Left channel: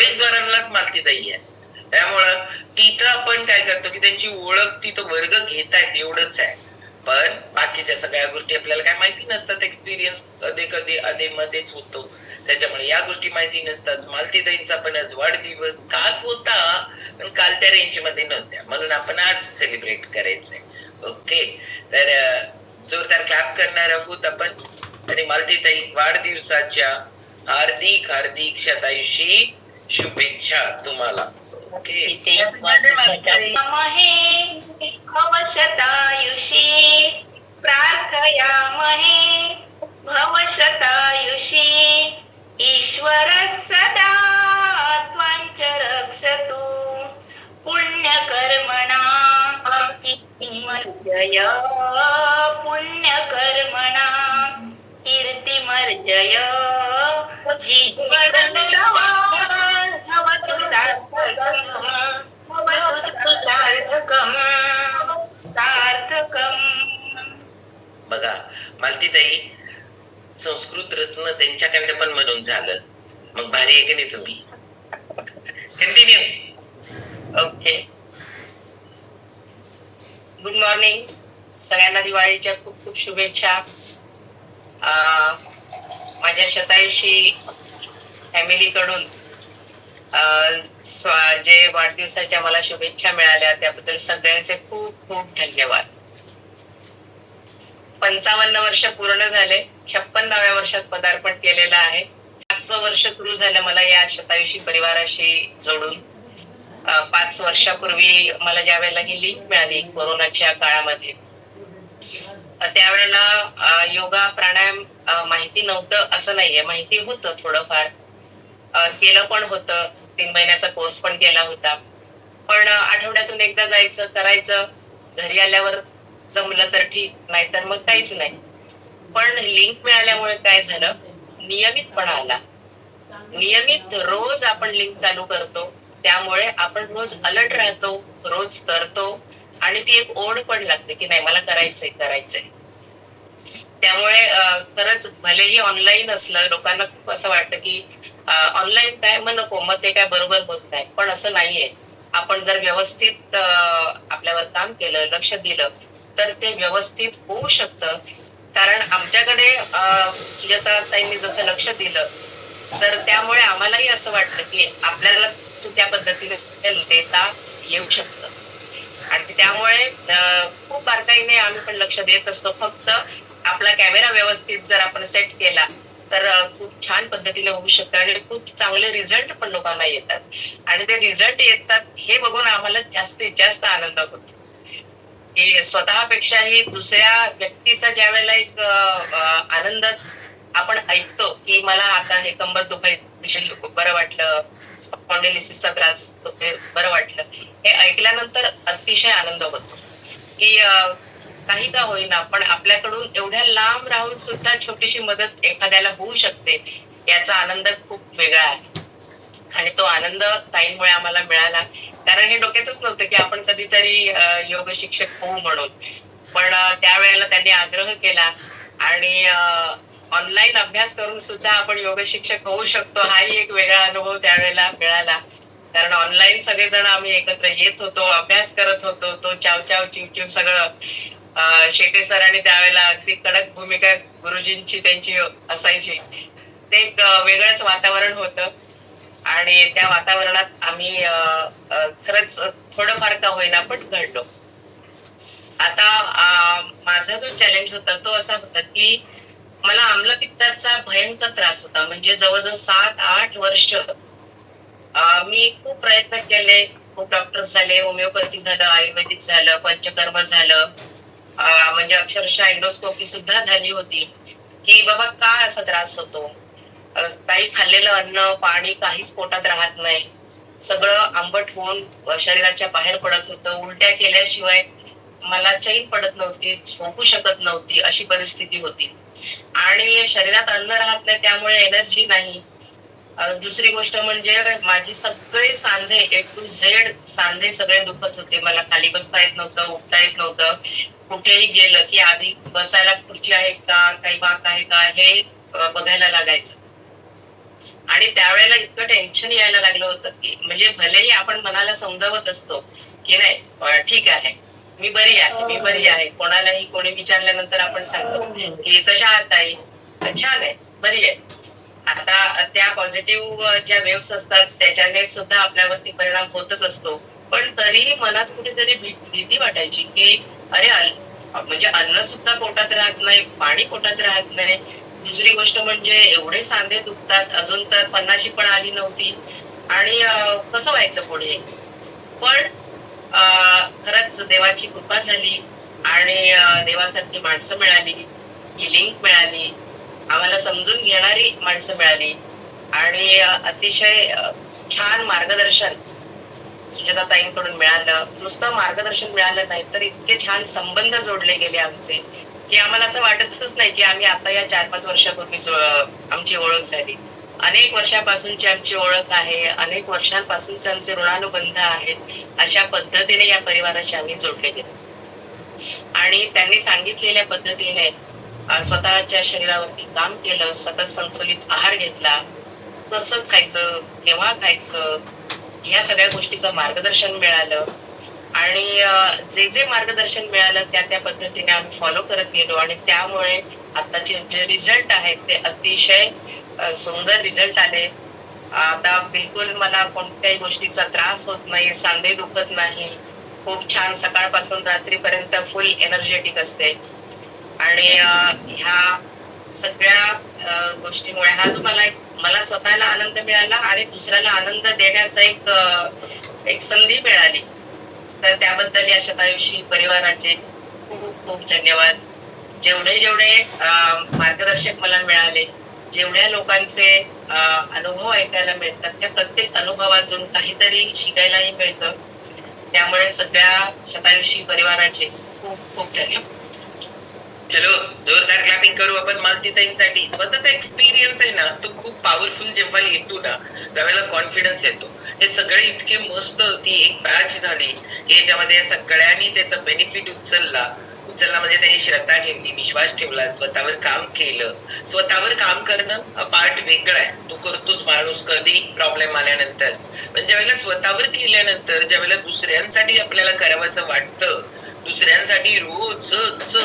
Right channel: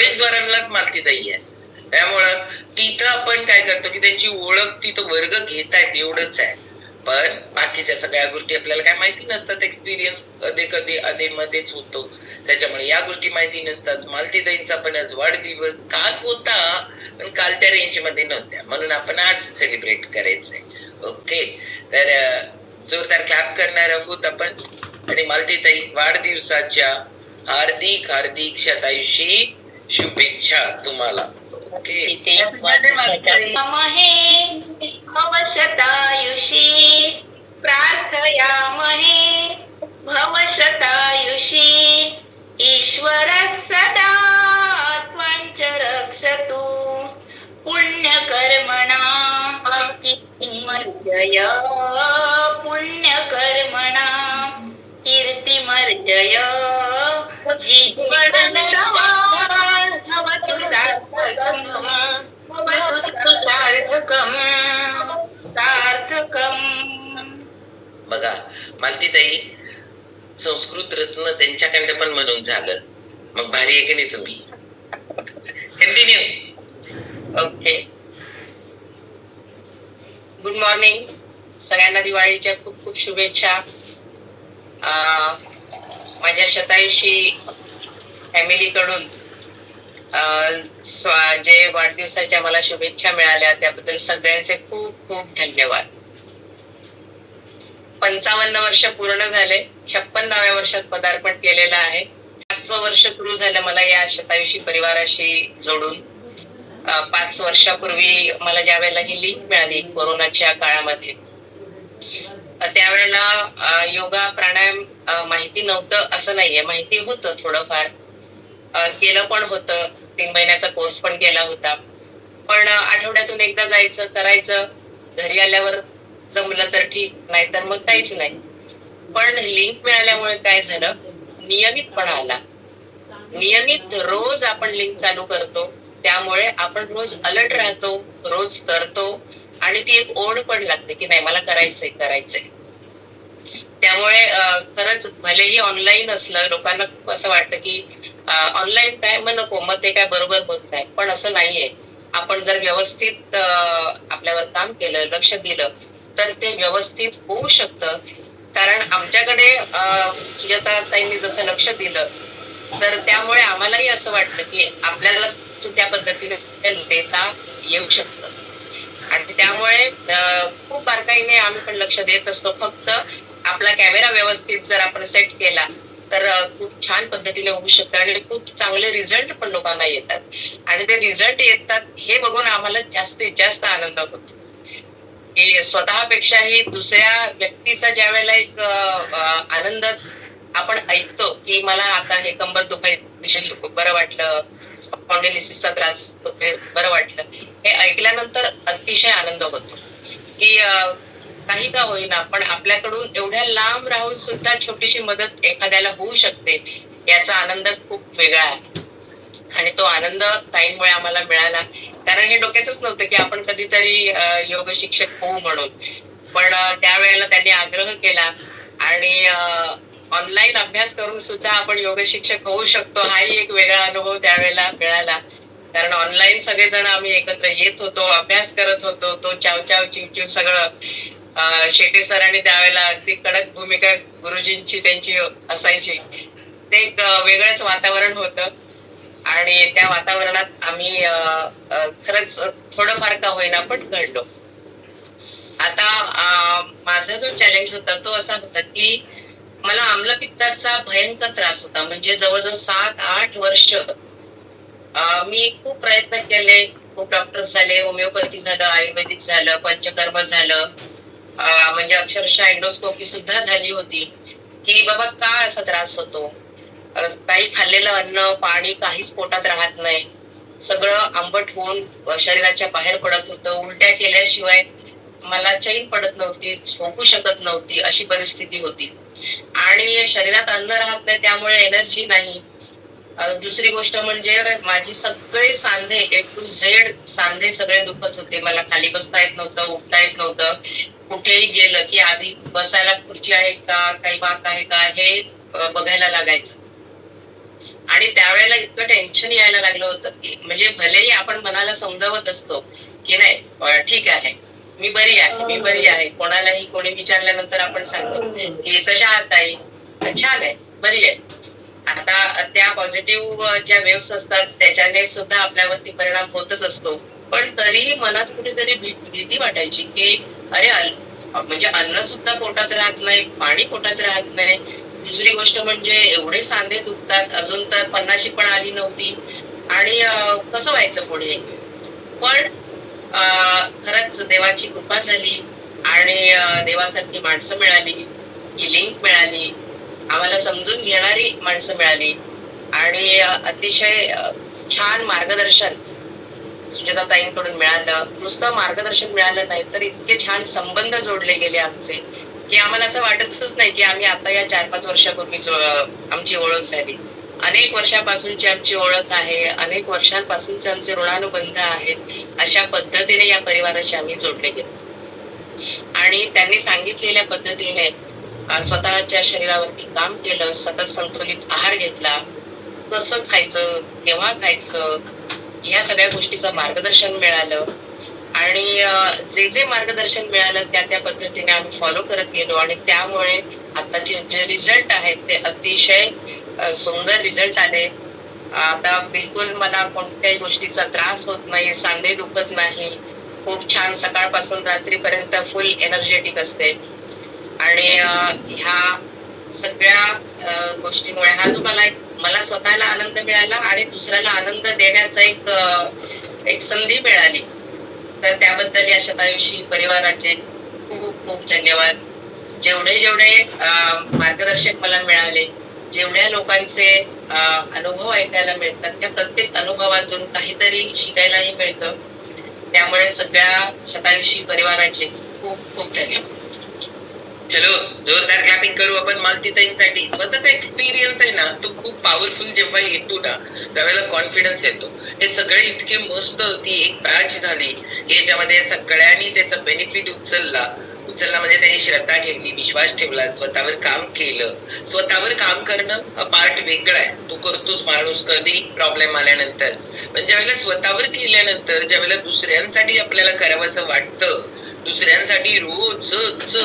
प्रवेशद्वारांनाच मालतीदायी आहे. त्यामुळं तिथं आपण काय करतो की त्यांची ओळख तिथं वर्ग घेतायत एवढंच आहे. पण बाकीच्या सगळ्या गोष्टी आपल्याला काय माहिती नसतात. एक्सपिरियन्स कधी कधी अधे मध्येच होतो. त्याच्यामुळे या गोष्टी माहिती नसतात. मालतीदाईंचा पण आज वाढदिवस काल होता पण काल त्या रेंजमध्ये नव्हत्या. म्हणून आपण आज सेलिब्रेट करायचंय. ओके? तर जोरदार क्लॅप करणार आहोत आपण. आणि मालतीताई वाढदिवसाच्या हार्दिक हार्दिक शतायुषी. शुभेच्छा तुम्हाला. ओके. महे भवशतायुषी प्रार्थयामहे भवशतायुषी ईश्वर सदा त्वञ्च रक्षतु पुण्यकर्मणा कीर्तिमर्जय पुण्यकर्मणा कीर्तिमर्जय जीवनवान् बघा मालतीताई संस्कृत रत्न त्यांच्याकडे पण म्हणून झालं. मग भारी आहे की नाही तुम्ही? कंटिन्यू ओके गुड मॉर्निंग सगळ्यांना दिवाळीच्या खूप खूप शुभेच्छा. अं, माझ्या शतायुषी फॅमिलीकडून जे वाढदिवसाच्या मला शुभेच्छा मिळाल्या त्याबद्दल सगळ्यांचे खूप खूप धन्यवाद. पंचावन्न वर्ष पूर्ण झाले छप्पन्नाव्या वर्षात पदार्पण केलेलं आहे. पाचवं वर्ष सुरू झालं मला या शतायुषी परिवाराशी जोडून. पाच वर्षापूर्वी मला ज्या वेळेला ही लिंक मिळाली कोरोनाच्या काळामध्ये त्यावेळेला योगा प्राणायाम माहिती नव्हतं असं नाहीये. माहिती होतं थोडंफार केलं पण होतं. तीन महिन्याचा कोर्स पण केला होता. पण आठवड्यातून एकदा जायचं करायचं. घरी आल्यावर जमलं तर ठीक नाहीतर मग काहीच नाही. पण लिंक मिळाल्यामुळे काय झालं? नियमितपणा आला. नियमित रोज आपण लिंक चालू करतो. त्यामुळे आपण रोज अलर्ट राहतो रोज करतो. आणि ती एक ओढ पण लागते की नाही मला करायचंय करायचंय. त्यामुळे खरंच भलेही ऑनलाईन असलं लोकांना खूप असं वाटतं की ऑनलाईन काय मग नको मग ते काय बरोबर होत नाही. पण असं नाहीये. आपण जर व्यवस्थित आपल्यावर काम केलं लक्ष दिलं तर ते व्यवस्थित होऊ शकतं. कारण आमच्याकडे सुजाता ताईंनी जसं लक्ष दिलं तर त्यामुळे आम्हालाही असं वाटलं की आपल्याला त्या पद्धतीने देता येऊ शकतं. आणि त्यामुळे खूप बारकाईने आम्ही पण लक्ष देत असतो. फक्त आपला कॅमेरा व्यवस्थित जर आपण सेट केला तर खूप छान पद्धतीने होऊ शकतं आणि खूप चांगले रिझल्ट पण लोकांना येतात. आणि ते रिझल्ट येतात हे बघून आम्हाला जास्तीत जास्त आनंद होतो. की स्वतःपेक्षाही दुसऱ्या व्यक्तीचा ज्या वेळेला एक आनंद आपण ऐकतो की मला आता हे कंबर दुखायची बरं वाटलं. स्पॉन्डिलिसिसचा त्रास बरं वाटलं. हे ऐकल्यानंतर अतिशय आनंद होतो. की काही का होईना पण आपल्याकडून एवढ्या लांब राहून सुद्धा छोटीशी मदत एखाद्याला होऊ शकते याचा आनंद खूप वेगळा आहे. आणि तो आनंद ताईंमुळे आम्हाला मिळाला. कारण हे डोक्यातच नव्हतं की आपण कधीतरी योग शिक्षक होऊ म्हणून. पण त्यावेळेला त्यांनी आग्रह केला आणि ऑनलाईन अभ्यास करून सुद्धा आपण योग शिक्षक होऊ शकतो हाही एक वेगळा अनुभव त्यावेळेला मिळाला. कारण ऑनलाईन सगळेजण आम्ही एकत्र येत होतो अभ्यास करत होतो तो चाव चाव चिव चिव सगळं. शेटे सरांनी त्यावेळेला अगदी कडक भूमिका गुरुजींची त्यांची असायची. ते एक वेगळंच वातावरण होतं. आणि त्या वातावरणात आम्ही अं, खरंच थोडंफार का होईना पण घडलो. आता माझा जो चॅलेंज होता तो असा होता की मला आम्लपित्ताचा भयंकर त्रास होता. म्हणजे जवळजवळ सात आठ वर्ष मी खूप प्रयत्न केले. खूप डॉक्टर झाले होमिओपॅथी झालं आयुर्वेदिक झालं पंचकर्म झालं. म्हणजे अक्षरशः एंडोस्कोपी सुद्धा झाली होती. की बाबा का असा त्रास होतो? काही खाल्लेलं अन्न पाणी काहीच पोटात राहत नाही. सगळं आंबट होऊन शरीराच्या बाहेर पडत होतं. उलट्या केल्याशिवाय मला चैन पडत नव्हती झोपू शकत नव्हती अशी परिस्थिती होती. आणि शरीरात अन्न राहत नाही त्यामुळे एनर्जी नाही. दुसरी गोष्ट म्हणजे माझी सगळे सांधे ए टू झेड सांधे सगळे दुखत होते. मला खाली बसता येत नव्हतं उठता येत नव्हतं. कुठेही गेलं की आधी बसायला खुर्ची आहे का? काही बाक आहे का? हे बघायला लागायचं. आणि त्यावेळेला इतकं टेन्शन यायला लागलं होतं की म्हणजे भलेही आपण मनाला समजावत असतो की नाही ठीक आहे. मी बरी आहे मी बरी आहे. कोणालाही कोणी विचारल्यानंतर आपण सांगतो की कशा आहात ताई? छान आहे बरी आहे. आता त्या पॉझिटिव्ह ज्या वेव्स असतात त्याच्याने सुद्धा आपल्यावरती परिणाम होतच असतो. पण तरीही मनात कुठेतरी भीती वाटायची की अरे म्हणजे अन्न सुद्धा पोटात राहत नाही पाणी पोटात राहत नाही. दुसरी गोष्ट म्हणजे एवढे सांधे दुखतात अजून तर पन्नाशी पण आली नव्हती. आणि कसं व्हायचं पुढे? पण अं, खरंच देवाची कृपा झाली आणि देवासारखी माणसं मिळाली ही लिंक मिळाली. आम्हाला समजून घेणारी माणसं मिळाली. आणि अतिशय छान मार्गदर्शन सुजाता ताईंकडून मिळालं. नुसतं मार्गदर्शन मिळालं नाही तर इतके छान संबंध जोडले गेले आमचे की आम्हाला असं वाटतच नाही की आम्ही आता या चार पाच वर्षापूर्वी आमची ओळख झाली. अनेक वर्षापासूनची आमची ओळख आहे अनेक वर्षांपासूनचे आमचे ऋणानुबंध आहेत अशा पद्धतीने या परिवाराशी आम्ही जोडले गेलो. आणि त्यांनी सांगितलेल्या पद्धतीने स्वतःच्या शरीरावरती काम केलं सतत संतुलित आहार घेतला. कसं खायचं केव्हा खायचं या सगळ्या गोष्टीचं मार्गदर्शन मिळालं. आणि जे जे मार्गदर्शन मिळालं त्या त्या पद्धतीने आम्ही फॉलो करत गेलो. आणि त्यामुळे आताचे जे रिझल्ट आहेत ते अतिशय सुंदर रिझल्ट आले. आता बिलकुल मला कोणत्याही गोष्टीचा त्रास होत नाही सांधे दुखत नाही. खूप छान सकाळपासून रात्रीपर्यंत फुल एनर्जेटिक असते. आणि ह्या सगळ्या गोष्टीमुळे हा जो मला एक मला स्वतःला आनंद मिळाला आणि दुसऱ्याला आनंद देण्याचा एक एक संधी मिळाली. तर त्याबद्दल या शतायुषी परिवाराचे खूप खूप धन्यवाद. जेवढे जेवढे मार्गदर्शक मला मिळाले जेवढ्या लोकांचे अनुभव ऐकायला मिळतात त्या प्रत्येक अनुभवातून काहीतरी शिकायलाही मिळतं. त्यामुळे सगळ्या शतायुषी परिवाराचे खूप खूप धन्यवाद. हॅलो जोरदार क्लॅपिंग करू आपण मालतीताईंसाठी स्वतःचा एक्सपिरियन्स आहे ना तो खूप पॉवरफुल जेव्हा येतो ना त्यावेळेला कॉन्फिडन्स येतो. हे सगळे इतके मस्त ती एक बॅच झाली. की याच्यामध्ये सगळ्यांनी त्याचा बेनिफिट उचलला. उचलला म्हणजे त्यांनी श्रद्धा ठेवली विश्वास ठेवला स्वतःवर काम केलं. स्वतःवर काम करणं पार्ट वेगळा आहे. तो करतोच माणूस कधी प्रॉब्लेम आल्यानंतर. पण ज्यावेळेला स्वतःवर केल्यानंतर ज्यावेळेला दुसऱ्यांसाठी आपल्याला करावंसं वाटतं दुसऱ्यांसाठी रोजच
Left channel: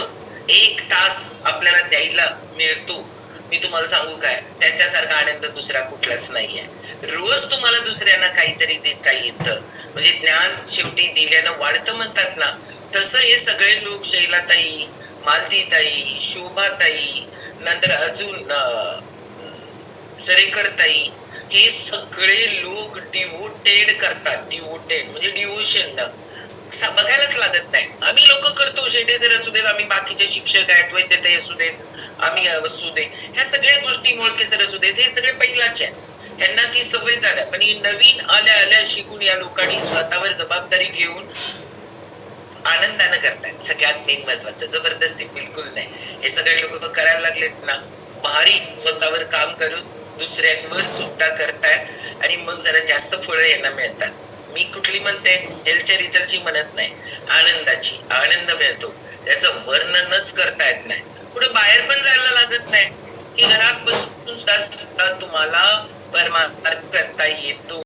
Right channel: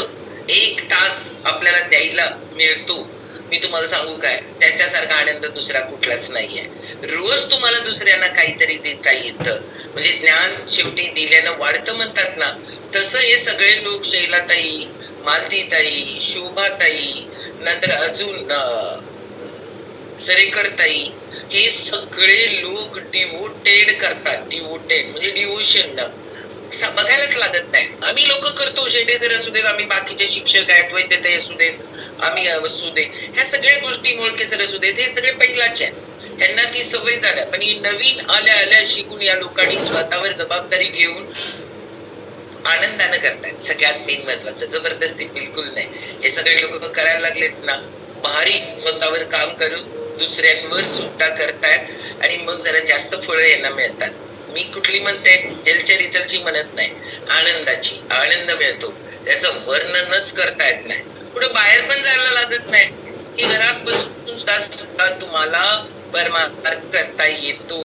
एक तास आपल्याला द्यायला मिळतो. मी तुम्हाला सांगू काय? त्याच्यासारखा आनंद दुसरा कुठलाच नाहीये. रोज तुम्हाला दुसऱ्यांना काहीतरी देता येतं. म्हणजे ज्ञान शेवटी दिल्यानं वाढतं म्हणतात ना. तसं हे सगळे लोक शैलाताई मालतीताई शोभाताई नंतर अजून सरेकरताई हे सगळे लोक डिवोटेड करतात. डिवोटेड म्हणजे डिवोशन बघायलाच लागत नाही. आम्ही लोक करतो शेटे सर असू देत आम्ही बाकीचे शिक्षक आहेत वैद्यताई असू देत आम्ही असू दे ह्या सगळ्या गोष्टी मोळके सर असू देत हे सगळे पहिलाच आहेत. त्यांना ती सवय झाल्या. पण ही नवीन आल्या आल्या शिकून या लोकांनी स्वतःवर जबाबदारी घेऊन आनंदानं करतात सगळ्यात मेन महत्वाचं. जबरदस्ती बिलकुल नाही. हे सगळे लोक करायला लागलेत ना. भारी स्वतःवर काम करून दुसऱ्यांवर सुद्धा करतायत आणि मग जरा जास्त फळं यांना मिळतात. मी कुठली म्हणते? हेल्थच्या रिझल्टची म्हणत नाही. आनंदाची. आनंद मिळतो. त्याचं वर्णनच करता येत नाही. कुठे बाहेर पण जायला लागत नाही. की घरात बसून सुद्धा सुद्धा तुम्हाला परमार्थ करता येतो.